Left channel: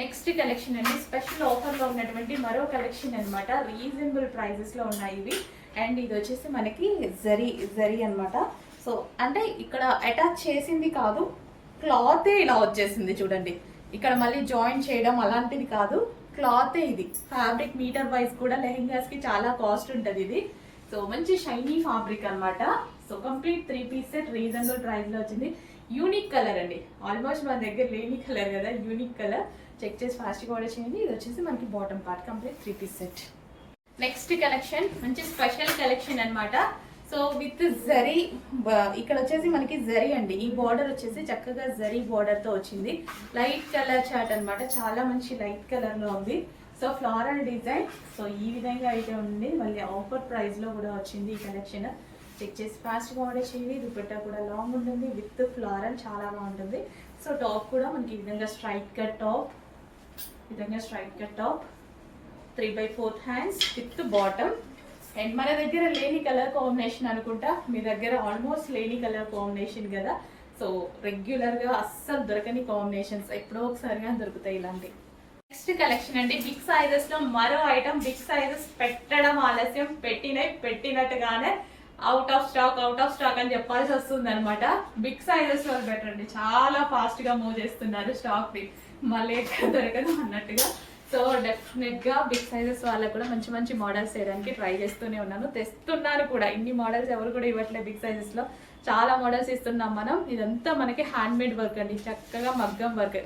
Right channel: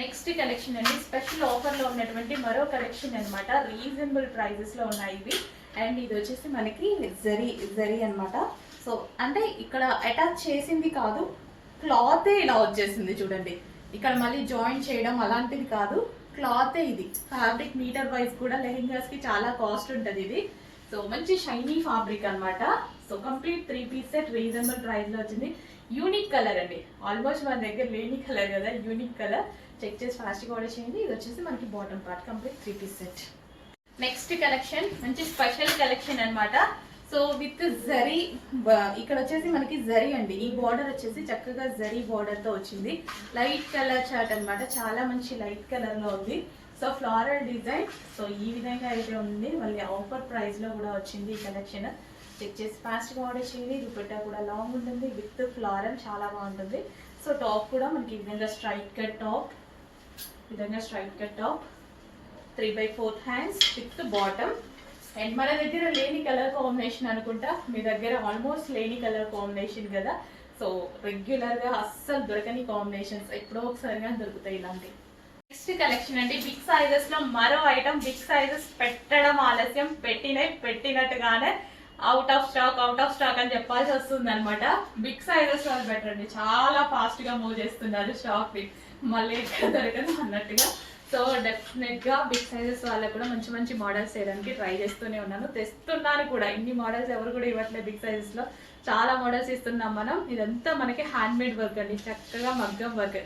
Next collection అండి, special ఆఫర్లో ఉన్నటువంటి మరో కలెక్షన్ అనమాట. రీజనబుల్ ప్రైజెస్లో ఉన్నాయి ఇవి. అండ్ ఇది వచ్చేసి మనకి జరీ అనమాట. సో అంటే ఇక్కడ అటాచ్ చేసింది కాదు, క్లాతే ఇలా వచ్చేసింది చూడండి. ఇక్కడ మళ్ళీ జాయిన్ చేయడం అలాంటిది కాదు, క్లాతే ఇది. ఫ్యాబ్రిక్ మీటర్ వైజ్ కూడా లెహెంగాస్ కి చాలా కాస్ట్ ఉంటుంది ఇది. సో మంచి షైనీ ఫ్యాబ్రిక్ అనమాట. So complete 3 piece set reasonable price లో వచ్చింది. యూనిక్ కలర్ అండి, ఆల్మోస్ట్ మన దగ్గర లేని కలర్ కదా, యూనిక్ కలర్. చెక్ చేసి ఫాస్ట్గా ఆర్డర్ చేయండి. ఇది వచ్చేసి మనకి bottom part complete 3 piece set. Next collection మంచి స్పెషల్ కలెక్షన్ అనమాట. సో విత్ జరీ, ఇక్కడ వచ్చేసి మనకి జరీ అండి. ఈ బార్డర్ వచ్చేసి చక్కగా జరీ బార్డర్ తో వచ్చింది. లైట్ కలర్ చార్ట్ అనమాట, చాలా మంచి లైట్ కలర్ లో ఉంది. So floral design. సో ఈ విధంగా అయితే ఉంది. మళ్ళీ ఆఫర్ ప్రైస్ లో కూడా వచ్చింది ఈ కలెక్షన్. చెక్ చేసి ఫాస్ట్గా ఆర్డర్ చేయండి. దుపట్టా కూడా లాంగ్ ఉంటుంది విత్ ఫ్లోరల్, చాలా బాగుంటుంది. సో టాప్ కూడా మనకి ఈ విధంగా straight cut top, straight cut top, 3/4 hands with bottom. And మన దగ్గర లేని కలర్ కాంబినేషన్ అనుకుంటా, మీ దగ్గర ఆల్మోస్ట్ లేని కలర్ కాంబినేషన్ కదా. సో రెగ్యులర్ గా అస్సలు దొరకని కాంబినేషన్స్, ఎప్పుడో ఒకసారిగా దొరుకుతాయి ఇలాంటి. నెక్స్ట్ కలెక్షన్ అండి, బిగ్ సైజెస్ లో మరో ఐటమ్. బిగ్ సైజెస్ పెట్టడం ఆలస్యం, పెట్టినట్టుగానే అవుట్ ఆఫ్ స్టాక్ అని చెప్పాల్సి వస్తుంది అనమాట. బిగ్ సైజెస్ వాళ్ళు బెటర్ అండి, చాలా ఫాస్ట్ గా మూవ్ చేస్తున్నారు స్టాక్ ని, మళ్ళీ ఎక్కడ దొరకదు అన్నట్టుగా. సో డెఫినెట్ గా బిగ్ సైజెస్ వాళ్ళకు కూడా మంచి మంచి మోడల్స్ చేయడానికి ట్రై చేస్తూనే ఉన్నాను, తెస్తున్నాను కూడా. ఇన్ని మోడల్స్ ఎవరు కూడా ఇవ్వట్లేదు బిగ్ సైజెస్ లో, చాలా మోడల్స్ ఇస్తున్నాం మనం. ఇదంతా మనకి హ్యాండ్ మేడ్ వర్క్ అండి, చక్కగా మగ్గం వర్క్.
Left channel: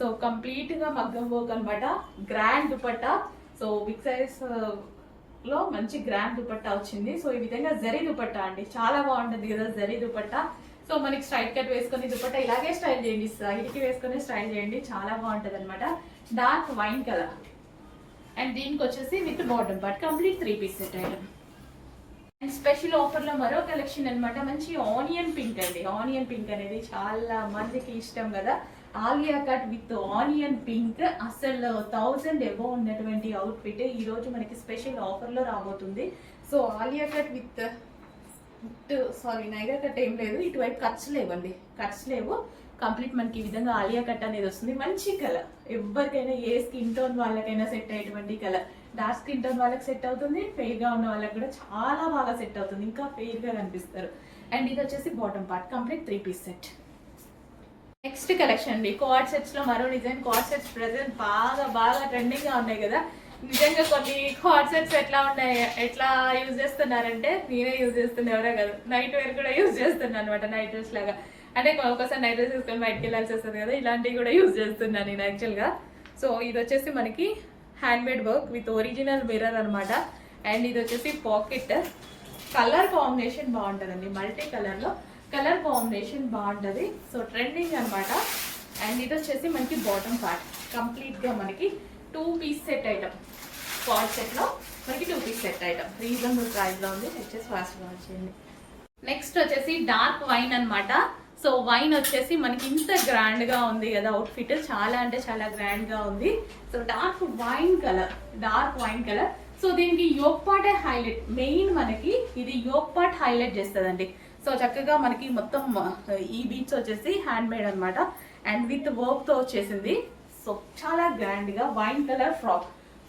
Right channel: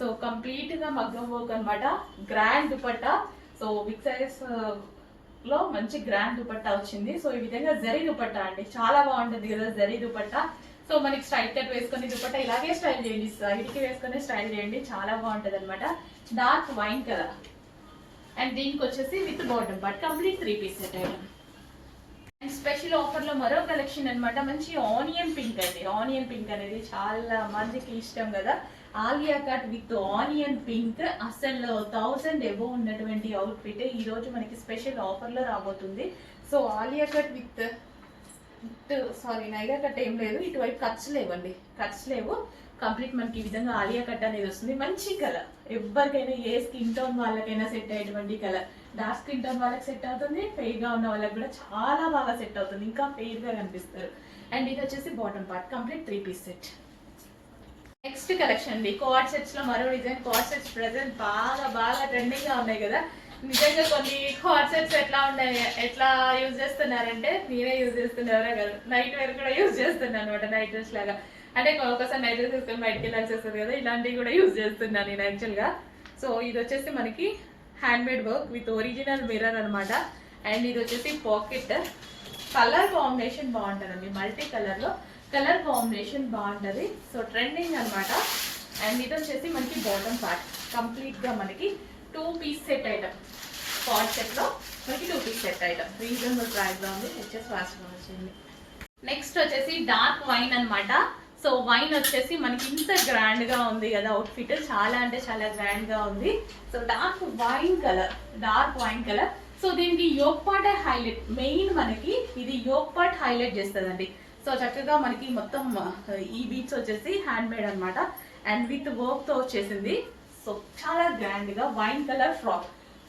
సో కంప్లీట్ గా మగ్గం వర్క్ అనమాట. Grand dupatta. So big sizes లో మంచి గ్రాండ్ దుపట్టా వచ్చింది. సో ఈ విధంగా జరీ దుపట్టా అండి, చాలా బాగుంటుంది కదా జరీ దుపట్టా. సో మనకి స్ట్రైట్ కట్ వేసుకొని దుపట్టా ఇలాగే స్టైల్ చేయండి, సైడ్కి వేసుకొని స్టైల్ చేయండి, చాలా బాగుంటుంది అనమాట. Dark wine colour. అండ్ దీనికి వచ్చేసి with bottom part complete 3 piece set item. And special offer లో మరో కలెక్షన్ అనమాట. మంచి ఆనియన్ పింక్ అండి. ఆనియన్ పింక్ అనేది చాలా మందికి ఇష్టం కదా. Alia cut with onion pink, అసలు 1000 ఎబో ఉన్నటువంటి అవుట్ ఫిట్ ఈ రోజు మనకి స్పెషల్ ఆఫర్ లో రాబోతుంది. సో ఆలియా కట్ విత్ నైగా కట్ ఏం లేదు, ఇటువైపు కట్స్ లేవండి, కట్స్ లేవు. కంప్లీట్ మనకి ఈ విధంగా ఆలియా కట్ అనేది వస్తుంది. మంచి కలర్, ఎవరికైనా ఏ స్కిన్ టోన్ వాళ్ళకైనా సెట్ అయ్యేటువంటి కలర్. డార్క్ స్కిన్ టోన్ వాళ్ళకి సెట్ అవుతుంది, ఫెయిర్ గా ఉన్న వాళ్ళకి కూడా చాలా బాగా సెట్ అవుతుంది, ఇంకా ఫెయిర్ గా కనిపిస్తారు. అండ్ ఇది వచ్చేసి bottom part complete 3 piece set. Next collection అండి, కార్డ్ సెట్స్ లో మరో డిజైన్. కార్డ్ సెట్స్ ప్రెసెంట్ బాగా ట్రెండింగ్ గా ఉన్నాయి కదా. నిజంగా కొన్ని కార్డ్ సెట్స్ ఎట్లా యూజ్ చేస్తున్నారంటే, నేనే యూజ్ చేస్తున్నా, ఎవరో కదా, నైట్ వేర్ కూడా యూజ్ చేస్తున్నాను అనమాట. నైట్ డ్రెస్ లాగా, అంటే ఒకసారి నైట్ డ్రెస్ వేసుకొని బయటకి వెళ్ళాల్సి వస్తుంది కదా, ఇలాంటివి కూడా యూజ్ చేస్తున్నాను నేను యాక్చువల్ గా. సో ఇది వచ్చేసి మనకి hand made work with original mirror అనమాట. అండ్ ఇది వచ్చేసి పాకెట్. కలర్ కాంబినేషన్ బాగుంటుందండి, మల్టీ కలర్ లో కలర్ కాంబినేషన్ బాగుంటుంది. సో ట్రెండింగ్ అనమాట. అండ్ ఇది వచ్చేసి మనకి బాటమ్ పార్ట్ కంప్లీట్ గా మనకి 2 piece set item. Card set లో మనకి 2 piece set item reasonable price లో ఉంది. వచ్చేసి ఫాస్ట్ గా వచ్చేయండి. నెక్స్ట్ వచ్చేసి డార్క్ వైన్ అనమాట. సో వైన్ వచ్చేసి మనకి ఇంత గ్రాండ్ గా ఉంది కదా అవుట్ఫిట్, చాలా అంటే చాలా గ్రాండ్ గా ఉంది. So dark wine colour. So దీనికి యోక్ పార్ట్ హైలైట్, మెయిన్ మనకి ఇది యోక్ పార్ట్ హైలైట్ చేస్తుందండి. సో చక్కగా మనకి మొత్తం ఈ బీట్స్ వచ్చేసి హ్యాండ్ మేడ్ అనమాట. అండ్ విత్ వర్క్ తో వచ్చేసింది. సో చాలా గ్రాండ్ గా వైన్ కలర్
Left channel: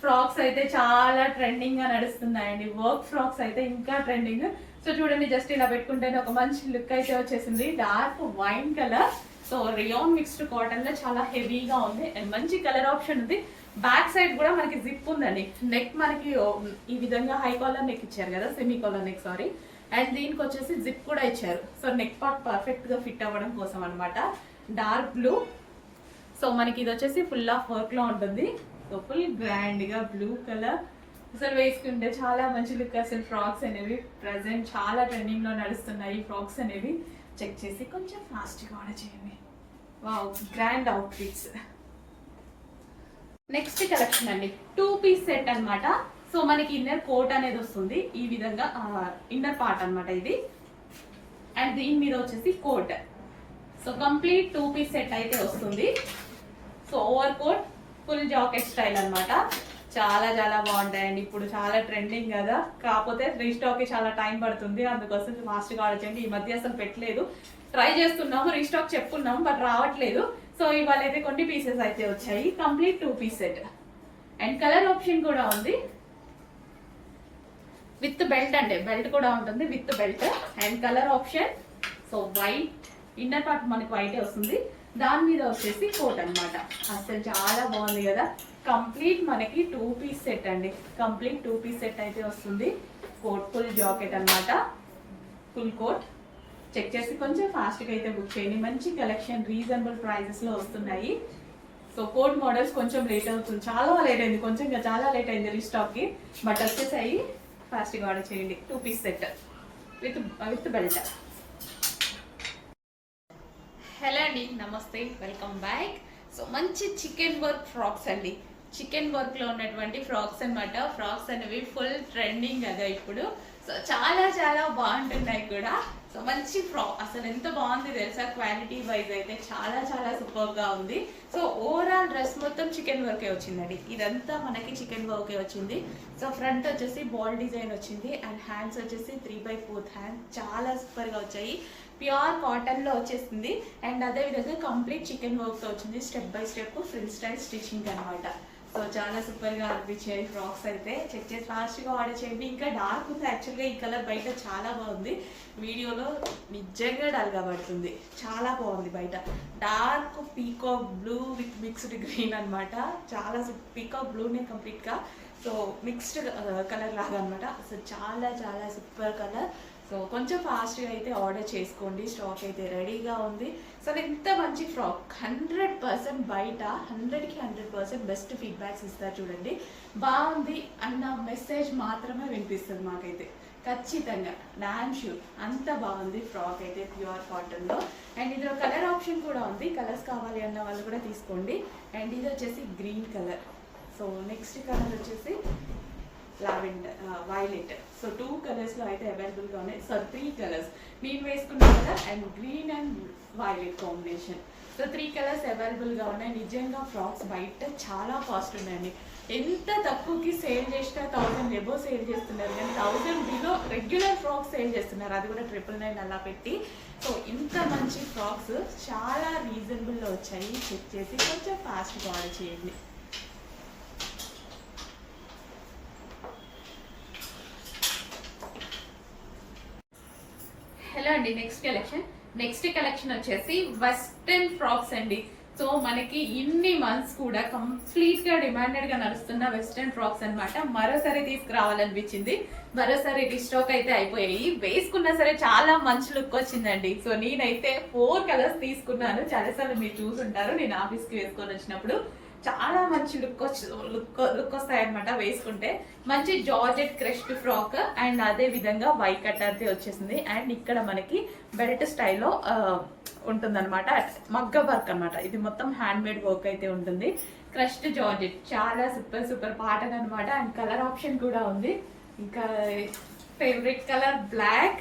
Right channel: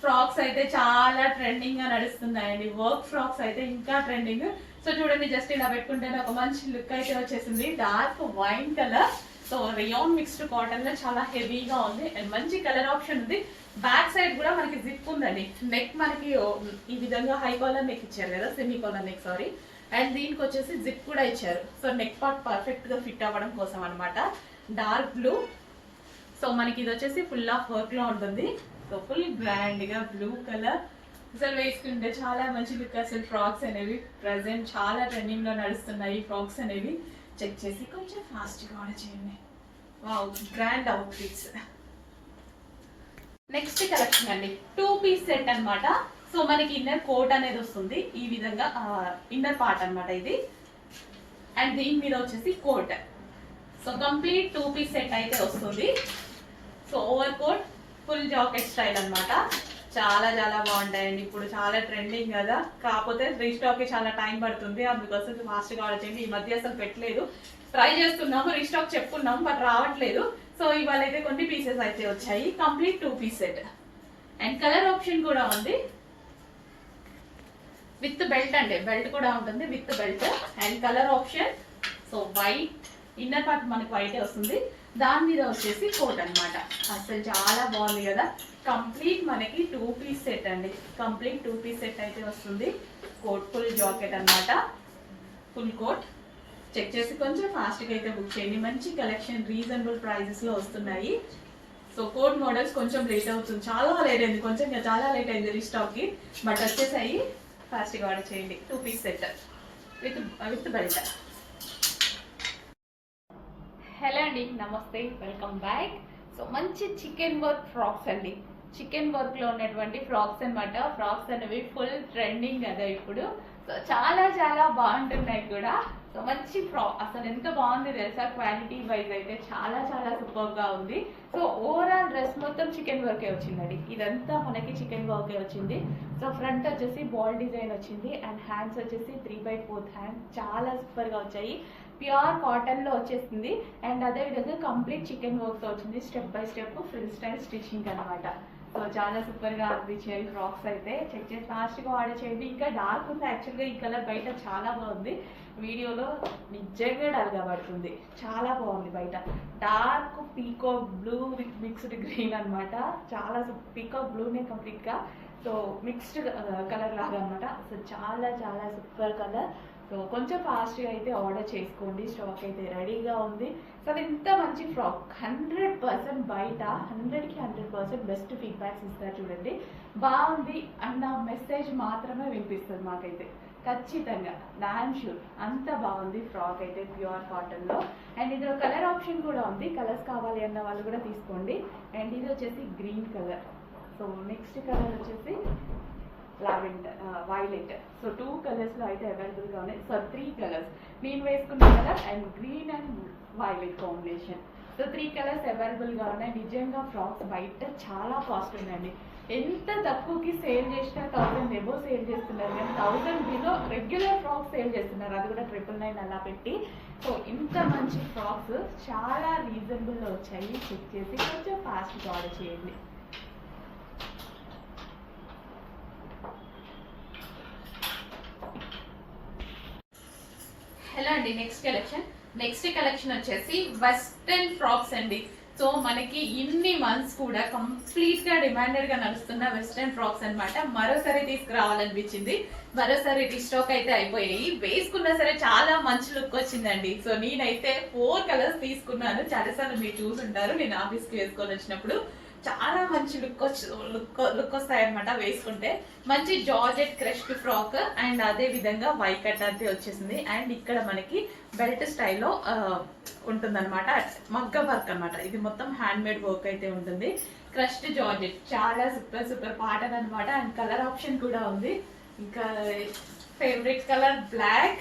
ఫ్రాక్స్ అయితే చాలా ట్రెండింగ్ గా నడుస్తున్నాయండి. వర్క్ ఫ్రాక్స్ అయితే ఇంకా ట్రెండింగ్. సో చూడండి, జస్ట్ ఇలా పెట్టుకుంటేనే ఒక మంచి లుక్ అయితే వచ్చేసింది. Dark wine colour. So rayon mixed cotton లో చాలా హెవీగా ఉంది అండ్ మంచి కలర్ ఆప్షన్ ఉంది. బ్యాక్ సైడ్ కూడా మనకి జిప్ ఉందండి. నెక్ మనకి ఈ విధంగా హై కాలర్ నెక్ ఇచ్చారు కదా, semi collar neck sorry. And దీనికి వచ్చేసి జిప్ కూడా ఇచ్చారు. సో నెక్ పార్ట్ పర్ఫెక్ట్ గా ఫిట్ అవ్వడం కోసం అనమాట. Dark blue. సో మనకి ఇది వచ్చేసి ఫుల్ ఆఫ్ వర్క్ లో ఉంటుంది. సో ఫుల్ గ్రాండ్ గా బ్లూ కలర్, అసలు వేసుకుంటే చాలా మంచి లుక్. అసలు ఫ్రాక్స్ అనేవి ప్రెసెంట్ చాలా ట్రెండింగ్ లో నడుస్తున్నాయి ఫ్రాక్స్ అనేవి. చెక్ చేసి కొంచెం ఫాస్ట్ గా ఆర్డర్ చేయండి. Wow, grand out fits. Next collection అండి, 2 పీస్ సెట్ అనమాట. సో మనకి ఇన్నర్ కోట్ అనేది వస్తుంది ఈ విధంగా, ఇన్నర్ పార్ట్ అనమాట ఇది. అండ్ దీని మీద వచ్చేసి coat. So complete 2 piece set అయితే వస్తుంది. So over coat full jacket style అనమాట. చాలా బాగుంటాయండి, ఇప్పుడు చాలా ట్రెండింగ్ కదా. కాకపోతే రీస్టాక్ కి చాలా టైం పడుతుంది, అందుకోసం ఫాస్ట్ గా ఆర్డర్ చేయండి. ఈ మధ్య అసలు పెట్టలేదు, ట్రై చేస్తున్నాము, రీస్టాక్ చెప్పుకున్నాము బట్ రావట్లేదు. సో ఇవాళ అయితే కొన్ని పీసెస్ అయితే వచ్చాయి, complete 2 piece set. And colour option కూడా ఉంది, విత్ బెల్ట్ అండి, బెల్ట్ కూడా ఉంటుంది with belt. And colour option so white, inner part మనకు వైటే వస్తుంది, దాని మీద వచ్చేసి కోట్ అనమాట. అసలు చాలా బాగుంది కదా. కంప్లీట్ మనకి 2 పీస్ సెట్ అండి, కంప్లీట్ 2 పీస్ సెట్ అయితే వస్తుంది. కోట్ ఫుల్ జాకెట్ అనమాట, ఫుల్ కోట్. చెక్ చేసి కొంచెం ఫాస్ట్గా అయితే బుక్ చేయండి. మంచి కలెక్షన్ రీజనబుల్ ప్రైజెస్లో వస్తున్నాయి. సో కోట్ మోడల్స్ కొంచెం లేట్ అవుతుంది, చాలా లేట్ అయింది, కొంచెం చాలా లేట్ అయింది రీస్టాక్కి, బట్ వచ్చేసాయి. ఫాస్ట్గా ఆర్డర్ చేయండి. 2 piece set with belt. Hello అండి, నమస్తే, వెల్కమ్ బ్యాక్. సో మంచి చికెన్ వర్క్ ఫ్రాక్స్ అండి, చికెన్ వర్క్ లో ఉన్నటువంటి ఫ్రాక్స్ అనమాట. ఫ్రాక్స్ అనేవి ఫుల్ ట్రెండింగ్ కదా ఇప్పుడు. సో చాలా చాలా బాగుంటున్నాయి కూడా. సో మంచి ఫ్రాక్, అసలు ఎంత బాగుంది తెలుసా, క్వాలిటీ వైజ్ అయితే చాలా చాలా సూపర్ గా ఉంది. సో ఓవరాల్ డ్రెస్ మొత్తం చికెన్ వర్కే వచ్చిందండి, ఇదంతా మనకి చికెన్ వర్కే వచ్చింది. సో ఫ్రంట్ వచ్చేసి బాల్ డిజైన్ వచ్చింది, అండ్ హ్యాండ్స్ వచ్చేసి 3/4 హ్యాండ్, చాలా సూపర్ గా వచ్చాయి. ప్యూర్ కాటన్ లో వచ్చేసింది. అండ్ అదే విధంగా కంప్లీట్ చికెన్ వర్క్ తో వచ్చింది, step by step frill style stitching అనమాట. సో చాలా సూపర్ గా అనిపించాయి ఫ్రాక్స్ అయితే. చెక్ చేసి ఫాస్ట్ గా ఆర్డర్ చేయండి. ఇంకా డార్క్ ఉంది యాక్చువల్ గా, ఈ కలర్ బయట చాలా బాగుంది, వీడియోలో నిజంగా డల్ గా పడుతుంది, చాలా బాగుంది. బయట dark peacock blue with mixed green అనమాట, చాలా పీకాక్ బ్లూనే కంప్లీట్ గా, సో మిక్స్డ్ కలర్ లాగా అనమాట. సో చాలా చాలా సూపర్ కలర్. సో కొంచెం ఫాస్ట్గా అయితే ఆర్డర్ చేసుకోండి, స్టాక్ అయితే రెడీగా ఉంది. సో ఇంత మంచి ఫ్రాక్ 100% బయట 100కి 100% బెస్ట్ ఫీడ్బ్యాక్స్ ఇస్తారు చూడండి. బాగుంది అన్న మెసేజ్ మాత్రమే వినిపిస్తుంది మాకైతే ఖచ్చితంగా, డామ్ షూర్. అంత బాగుంది ఫ్రాక్ అయితే ప్యూర్ కాటన్లో. అండ్ ఇందులో కలర్ ఆప్షన్ కూడా ఉంది, కలర్స్ కావాలి అన్న వాళ్ళు కూడా తీసుకోండి. అండ్ ఇది వచ్చేసి green colour. So next colour వచ్చేసి లావెండర్, వైలెట్. సో 2 కలర్స్లో అయితే అవైలబుల్గా ఉన్నాయి. సో 3 కలర్స్ నేను వేసుకున్న colour and green and violet combination. So 3 colours అవైలబుల్గా ఉన్నాయి. నిజంగా ఫ్రాక్స్ బయట చాలా కాస్ట్ ఉన్నాయండి, ఎంత తక్కువకి సేల్ చేసినా 1000 ఎబో సేల్ చేస్తున్నారు, కానీ 1000 బిలో రెగ్యులర్ ఫ్రాక్స్ సేల్ చేస్తున్నారు, అది కూడా 999 అలా పెట్టి. సో ఇంత మంచి ఫ్రాక్స్ చాలా రీజనబుల్లో వచ్చాయి. చెక్ చేసి కొంచెం ఫాస్ట్గా ఆర్డర్ చేయండి. హలో అండి, నెక్స్ట్ కలెక్షన్ వచ్చేసి వెస్ట్రన్ ఫ్రాక్స్ అండి. సో మనకి ఇన్ని మంత్స్ కూడా కంప్లీట్ గా డిమాండెడ్ గా నడుస్తున్న వెస్ట్రన్ ఫ్రాక్స్ అనమాట. మరోసారి తీసుకురావాలనిపించింది, మరోసారి రీస్టాక్ అయితే అయిపోయాయి. వేసుకున్నా సరే చాలా మంచి లుక్ వచ్చిందండి. సో నేనైతే 4 కలర్స్ తీసుకున్నాను, చాలాసార్లు మీరు చూసుంటారు నేను ఆఫీస్కి వేసుకొని వచ్చినప్పుడు. చాలా మంచి లుక్ వస్తాయన్నమాట వేసుకుంటే. మంచి జార్జెట్ క్రష్డ్ ఫ్రాక్, అండ్ అదే విధంగా వైట్ కట్ అయితే వచ్చేసింది. అండ్ ఇక్కడ మనకి బెల్ట్ స్టైల్లో ఉంటుందన్నమాట, మగ్గ వర్క్ అనమాట. ఇది మొత్తం హ్యాండ్ మేడ్ వర్క్ అయితే ఉంటుంది. క్రష్డ్ జార్జెట్, చాలా సూపర్ పాటర్న్ అనమాట. అండ్ కలర్ ఆప్షన్ కూడా ఉంది. ఇంకా favourite colour black.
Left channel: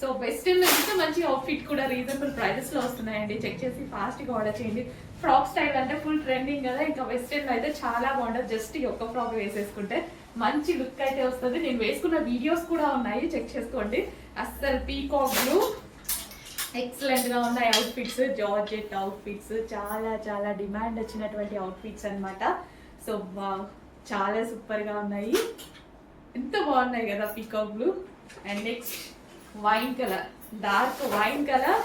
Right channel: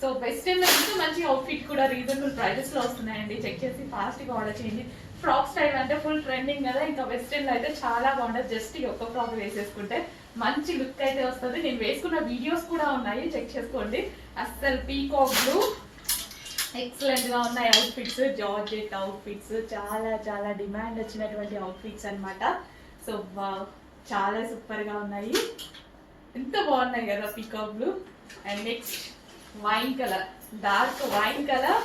So western నుంచి మంచి అవుట్ఫిట్ కూడా రీజనబుల్ ప్రైజెస్ లో వస్తున్నాయండి. చెక్ చేసి ఫాస్ట్ గా ఆర్డర్ చేయండి. ఫ్రాక్ స్టైల్ అంటే ఫుల్ ట్రెండింగ్ కదా, ఇంకా వెస్టర్న్ లో అయితే చాలా బాగుంటుంది. జస్ట్ ఈ ఒక్క ఫ్రాక్ వేసేసుకుంటే మంచి లుక్ అయితే వస్తుంది. నేను వేసుకున్న వీడియోస్ కూడా ఉన్నాయి, చెక్ చేసుకోండి. అస్సలు పీకాక్ బ్లూ ఎక్సలెంట్ గా ఉన్నాయి అవుట్ఫిట్స్, జార్జెట్ అవుట్ఫిట్స్, చాలా చాలా డిమాండ్ వచ్చినటువంటి అవుట్ఫిట్స్ అనమాట. సో చాలా సూపర్ గా ఉన్నాయి, ఎంత బాగున్నాయి కదా peacock blue. And next wine colour, dark wine colour.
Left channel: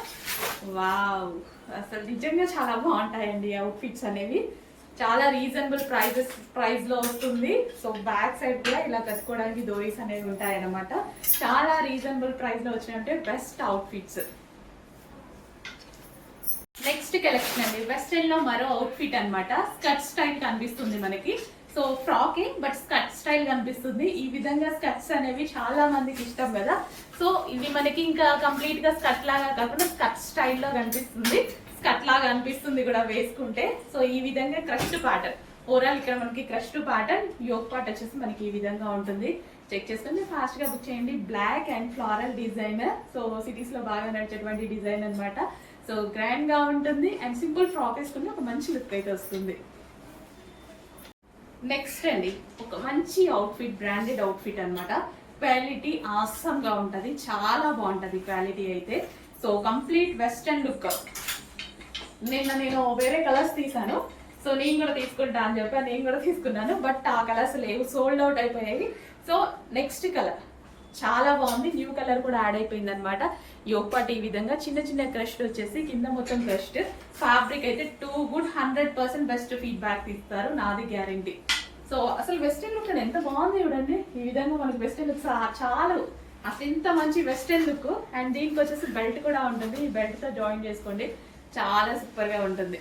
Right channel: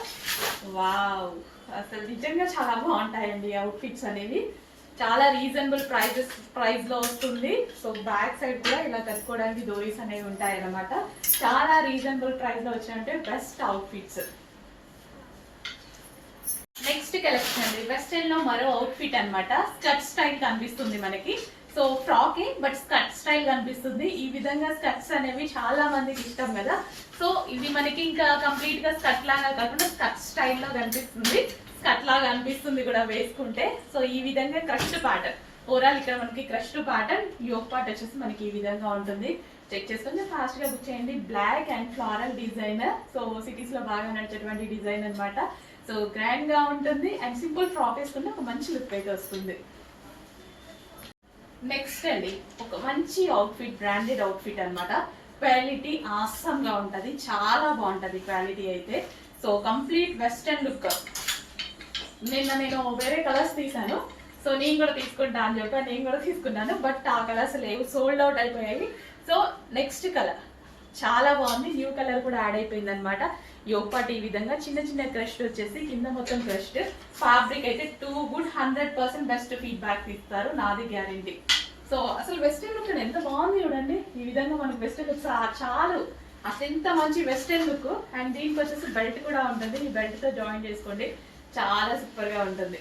Wow, అసలు నిజంగా చాలా బాగుంటాయండి అవుట్ఫిట్స్ అనేవి. చాలా రీజనబుల్ ప్రైస్ లో వస్తుంది. సో బ్యాక్ సైడ్ కూడా ఇలా కట్టుకోవడానికి డోరీస్ అనేవి ఉంటాయన్నమాట. చాలా రీజనబుల్ ప్రైస్ లో వచ్చినట్టే బెస్ట్ అవుట్ఫిట్స్. నెక్స్ట్ కలెక్షన్ అండి, వెస్టర్న్ లో మరో అవుట్ఫిట్ అనమాట. స్కర్ట్ స్టైల్ కనిపిస్తుంది మనకి. సో ఫ్రాకే బట్ స్కర్ట్ స్టైల్ కనిపిస్తుంది. ఈ విధంగా స్కర్ట్స్ అనేవి చాలా మందికి ఇష్టం కదా. సో ఇది మనకి ఇంకా కంప్లీట్ గా స్కర్ట్ లాగా కాకుండా స్కర్ట్ స్టైల్లో కనిపిస్తుంది, స్కర్ట్ లాగా అనిపిస్తుంది కూడా వేసుకుంటే. సో ఈ విధంగా క్రష్డ్ ప్యాటర్న్, ఓవరాల్ ఇక్కడ మనకి క్రష్డ్ ప్యాటర్న్, యోక్ పార్ట్ వచ్చేసి మనకి ఈ విధంగా ఉంటుంది. చెక్ చేసుకుని ఫాస్ట్ గా బుక్ చేయండి. Black and floral designer, so cities లో బాగా నడిచేటువంటి డిజైన్ అనమాట. సో గ్రాండ్ గా ఉంటుంది అండ్ సింపుల్ ఫ్రాక్ వేసుకుంటే ఒక మంచి లుక్ అయితే వస్తుంది. నెక్స్ట్ అండి, ఒక మంచి అవుట్ఫిట్, బ్రాండెడ్ అవుట్ఫిట్ అనమాట. క్వాలిటీ ఆసమ్ గా ఉంటది, చాలా బాగుంటది క్వాలిటీ అయితే. సో కంప్లీట్ వెస్టర్న్ లుక్, నిన్న నేను వేరే కలర్స్ తీసాను, సో నేను కూడా తీసుకుంటా అని చెప్పి నేను కూడా తీసుకున్నాను. బట్ ఆ కలర్స్ లేవు, సోల్డ్ అవుట్ అయిపోయాయి. సో నెక్స్ట్ కలర్ చాలా బాగుంది, న్యూ కలర్ కూడా యాడ్ అయిపోయింది అనమాట. యోగ్ పార్ట్ ఈ విధంగా చిన్న చిన్న క్రస్ట్ వచ్చేసి కింద మొత్తం క్రస్ట్. ఫ్యాబ్రిక్ అయితే టూ గుడ్, 100% బెస్ట్ ఫీడ్బ్యాక్ ఇస్తారు, నాది గ్యారంటీ. సో అసలు వెస్టర్న్ లుక్ ఎంత బాగుంది చూడండి. ఈ విధంగా మనకి వెస్టర్న్ లుక్ చాలు, అసలు ఎంత మంచి వెస్టర్న్ లుక్. అండ్ దీనికి వచ్చేసి బెల్ట్ కూడా ఉంటుంది, ఈ బెల్ట్ తో జాయిన్ చేసుకోండి, చాలా సూపర్ గా ఉంటుంది.